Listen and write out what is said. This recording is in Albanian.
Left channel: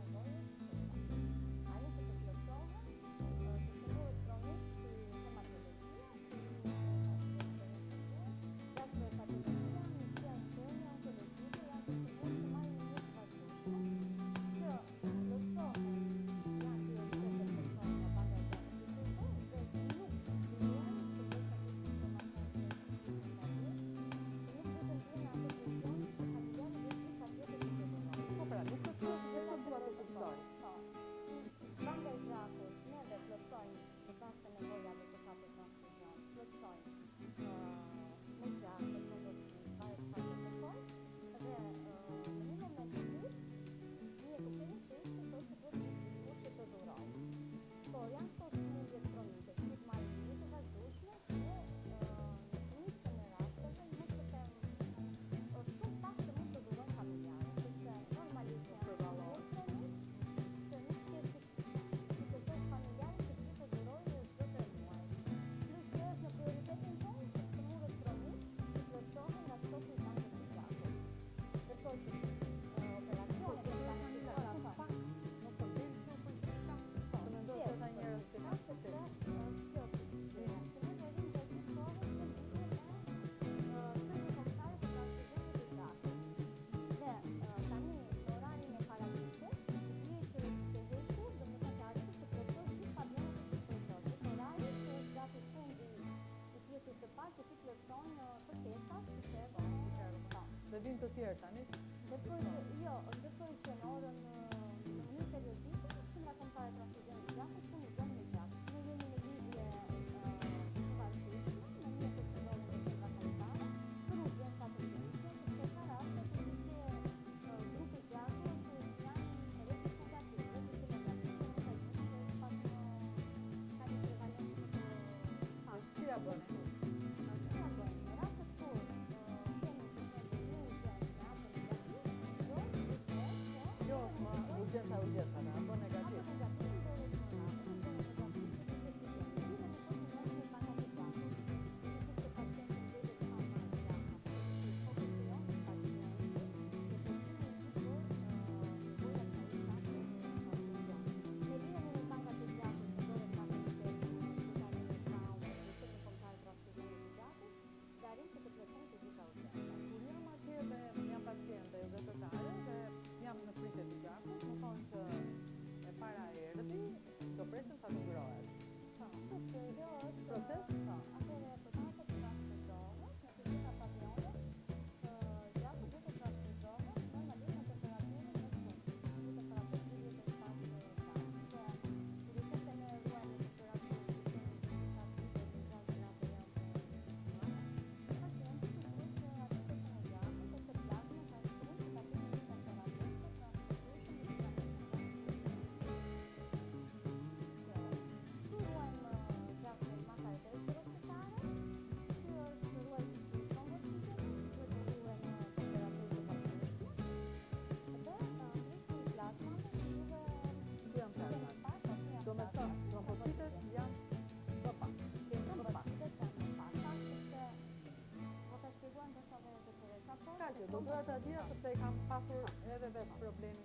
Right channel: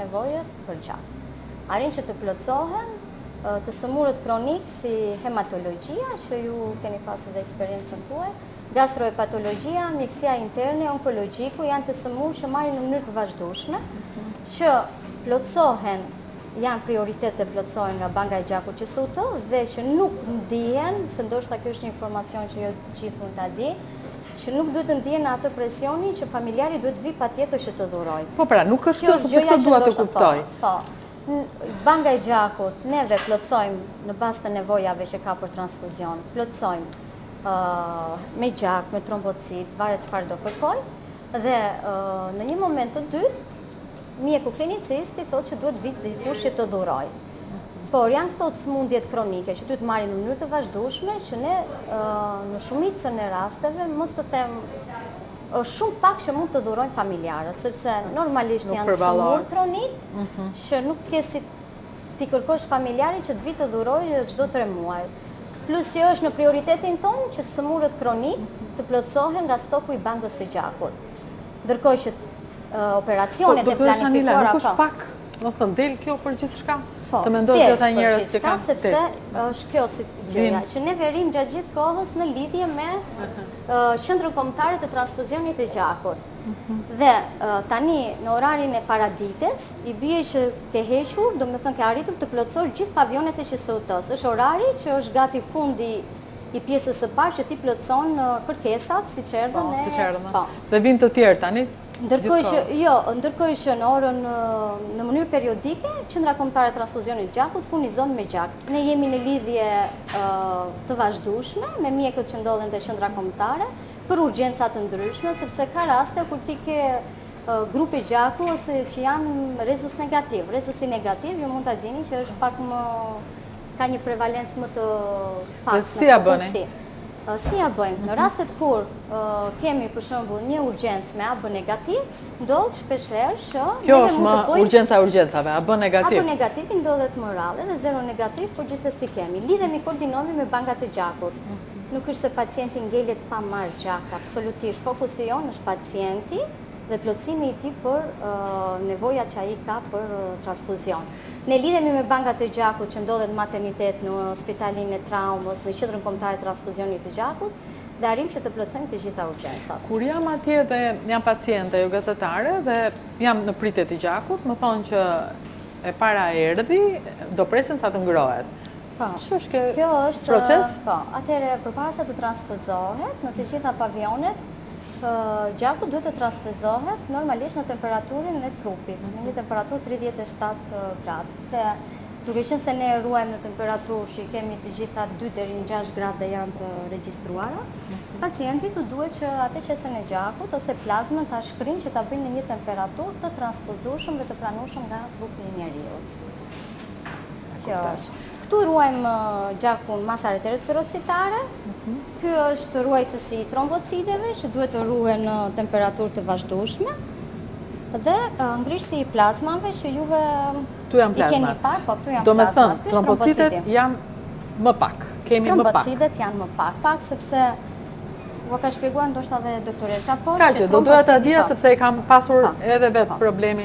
nevojët për gjak. Arrin që të plotësohen të sëmurët kronik si hematologjia, që ju keni pasur dhe eksperiencën tuaj, gastrohepatologjia, mjekësia interne, onkologjiku, janë të sëmurë që marrin në mënyrë të vazhdueshme, që plotësohen, janë prioritet të plotësohen nga banka e gjakut që SUT dhe që nuk ndihen, se ndoshta kjo është një informacion që jo gjithë mund ta di, që nuk duhet të ndihen atë presionin që familjari duhet vi patjetër që të dhuroj. Po pra, nuk është kjo se këtë dua të kuptoj. Po. Banka e gjakut, neve plotësojmë në bazë të nevojave që ka për transfuzion, plotësojmë me gjak, me trombocit, varet çfarë do kërkoj, dhe në një moment të dytë, mjeku klinicist i thotë që duhet vit dikush që të dhuroj. Por janë këto sëmundjet kronike që duhet marrin në mënyrë të vazhdueshme, që ne në shumicën e rasteve, mos të them, është shumë pak që mund të dhurojnë familjarët, sepse normalisht janë sëmurë kronik, që nuk ke si ti kërkosh familjarit që të vi të dhurojë çdo 3 muaj. Plus që është në prioritetin tonë që të sëmurët kronik të plotësohen nga stoku i bankës së gjakut. Ndërkohë që operacionet e planifikuara nuk është pak, do të del kjo për gjithçka. Po, të mendoj që ata njerëz që kanë sepse është kjo si gjëja, që ne rrim gjatë gjithë kohës në lidhje me qendrën kombëtare të transfuzionit të gjakut. Dhe tani në orarin e paradites i bie që ke hequr, domethënë ke arritur të plotësosh gjithë pavionet e QSUT-s. Është orari që është gati fundi i pjesës së parë që ti plotëson kërkesat, siç erdhën e. Dhe vijnë të tjerë tani. Ndërkohë që në orën në mënyrë periodike, Qendra Kombëtare e Transfuzionit të Gjakut furnizon me gjak. Ne jemi në lidhje të vazhdueshme me mjekët që ndodhen te qendra kombëtare për urgjenca të ndryshme, sepse ka raste kur ti ke grupe gjaku ose që janë rezus negativ. Rezusi negativ, ju mund ta dini që është pak më ka një prevalencë më të pak. Si ja bëni? Si ja bëjmë? Në rastet kur kemi për shembull një urgjencë me AB negativ, ndodh shpeshherë që kjo është më urgjencave, AB negativ. AB negativ ndodhet më rrallë dhe zero negativ, por gjithsesi kemi. Lidhemi, koordinohemi me bankat e gjakut. Nuk është se pacienti ngelet pa marrë gjak, absolutisht. Fokusi jonë është pacienti dhe plotësimi i tij për nevojat që ai ka për transfuzion. Ne lidhemi me bankat e gjakut që ndodhet në maternitet, në spitalin e traumës, në qendrën kombëtare të transfuzionit të gjakut, dhe arrim që të plotësojmë të gjitha urgjencat. Kur jam atje dhe jam paciente, jo gazetare, dhe jam në pritje të gjakut, më thonë që e para erdhi, do presim sa të ngrohet. Kjo është proces? Po, atëherë përpara se të transfuzohet në të gjitha pavionet, gjaku duhet të transfuzohet normalisht në temperaturën e trupit, në një temperaturë 37 gradë. Duke qenë se ne ruajmë në temperaturë që i kemi të gjitha 2 deri në 6 gradë dhe janë të regjistruara, pacientit duhet që ATC-n e gjakut ose plazmën ta shkrinë që ta bëjnë në një temperaturë të transfuzueshëm dhe të pranueshëm nga trupi i njeriut. Kjo është. Këtu ruajmë gjakun masat eritrocitare. Ky është ruajtësi i trombocideve që duhet të ruhen në temperaturë të vazhdueshme. Dhe ngrirësi i plazmave që juve i keni parë, po këtu janë plazmat. Do me thënë, trombocidet janë më pak. Kemi më pak. Trombocidet janë më pak sepse u ka shpjeguar ndoshta edhe doktoresha, por do doja ta dija sepse e kam pasur edhe vetë problemin.